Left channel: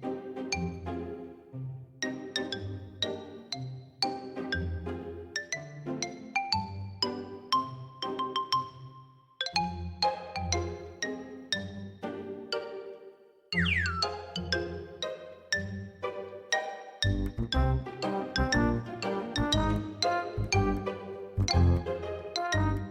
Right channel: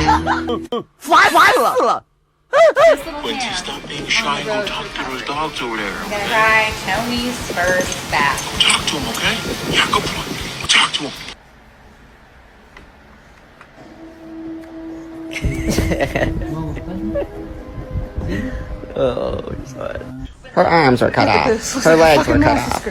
烦死了！ This little Quincy, hand. stop being shy and go talk to those dogs over there. I'm gonna try Tony's first bath. Talk to him, okay? Yeah, good boy. Talk to him. Oh, sorry. Her arms were cut off. Her legs were cut off.